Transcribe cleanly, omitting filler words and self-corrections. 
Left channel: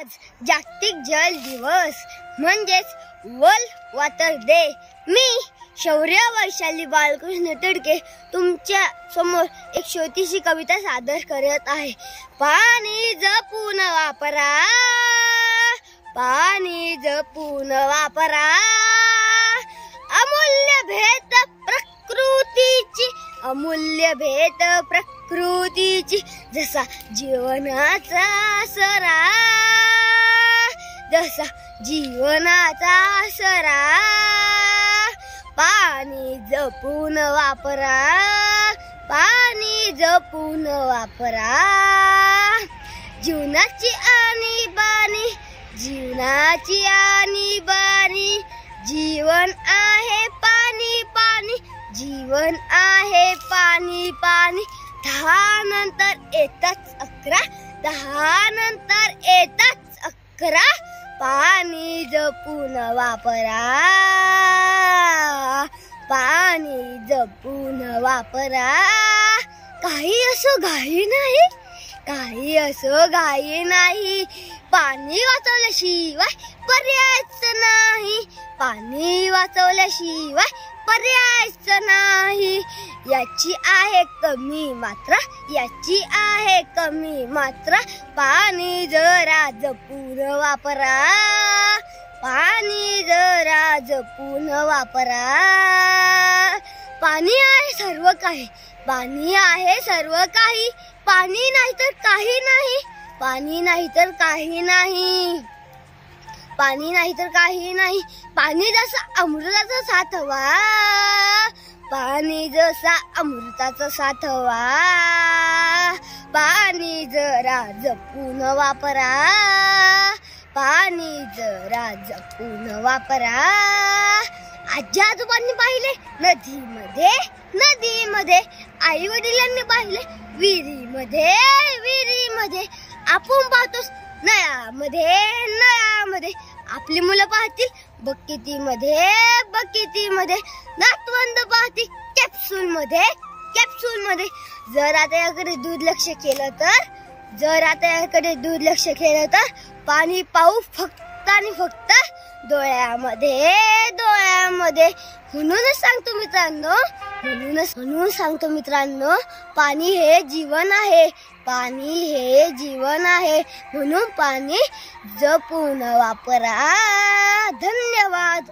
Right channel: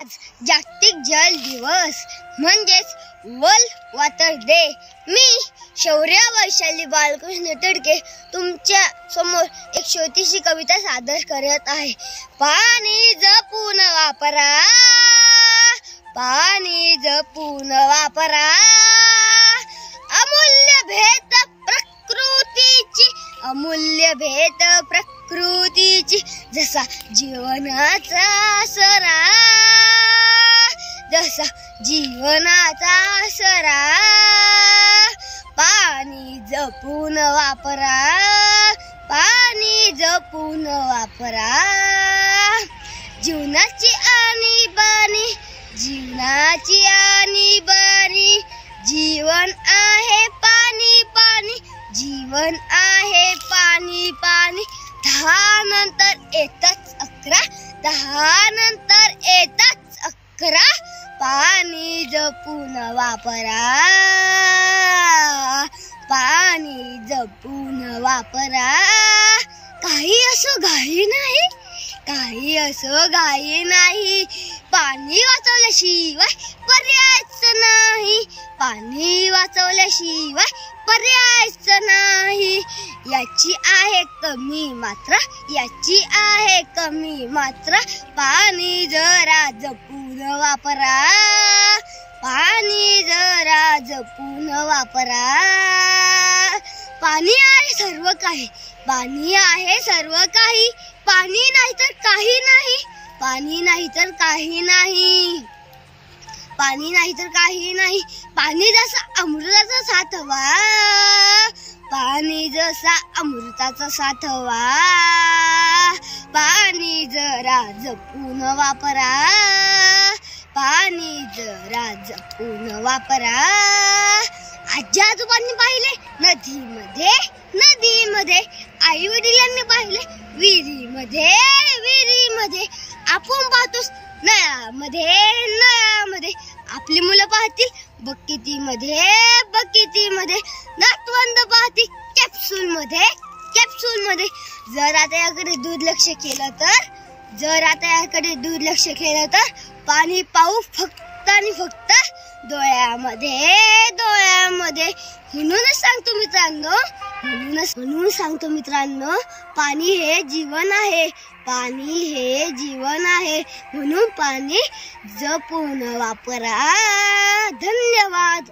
आज जागतिक जल दिवस म्हणजेच वर्ल्ड वॉटर डे। मी शौर्य वैशाली बालकृष्ण तिडके तुमच्या समोर एक छोटीशी कविता सादर करत आहे। पाणी जपून वापरा, पाणी जपून वापरा, अमूल्य भेट प्रकृतीची, अमूल्य भेट प्रकृतीची, जसा जीवनाचा आसरा, जसा जीवनाचा आसरा, पाणी जपून वापरा, पाणी जपून वापरा, जीवनाची आणीबाणी, जीवनाची आणीबाणी, जीवन आहे पाणी पाणी, जीवन आहे पाणी पाणी, 10 नंतर येताच 11, 10 नंतर येताच 11, पाणी जपून वापरा, पाणी जपून वापरा, काही असो घाई नाही, काही असो घाई नाही, पाणी वाचवल्याशिवाय पर्यायच नाही, पाणी वाचवल्याशिवाय पर्यायच नाही, याची आहे कमी मात्रा, याची आहे कमी मात्रा, पाणी जरा जपून वापरा, पाणी जरा जपून वापरा, पाणी आहे सर्व काही, पाणी आहे सर्व काही, पाणी नाही तर काही नाही, पाणी नाही तर काही नाही, पाणी नाही तर काही नाही, पाणी जसा अमृताचा साठवा, पाणी जसा अमृताचा साठवा, पाणी जरा जपून वापरा, पाणी जरा जपून वापरा, आजी आजोबांनी पाहिले नदीमध्ये, नदीमध्ये, आई वडिलांनी पाहिले विहिरीमध्ये, विहिरीमध्ये, आपण पाहतोस नळामध्ये, नळामध्ये, आपली मुलं पाहतील बकेटीमध्ये, बकेटीमध्ये, नातवंड पाहतील कॅप्सूलमध्ये, कॅप्सूलमध्ये, जर आता याकडे दुर्लक्ष केलं तर, जर आता याकडे दुर्लक्ष केलं तर पाणी पाहू फक्त आणि फक्त डोळ्यामध्ये, डोळ्यामध्ये, म्हणूनच सांगतो मित्रांनो, म्हणून सांगतो मित्रांनो, पाणी हे जीवन आहे, पाणी हे जीवन आहे, म्हणून पाणी जपून वापरा। धन्यवाद।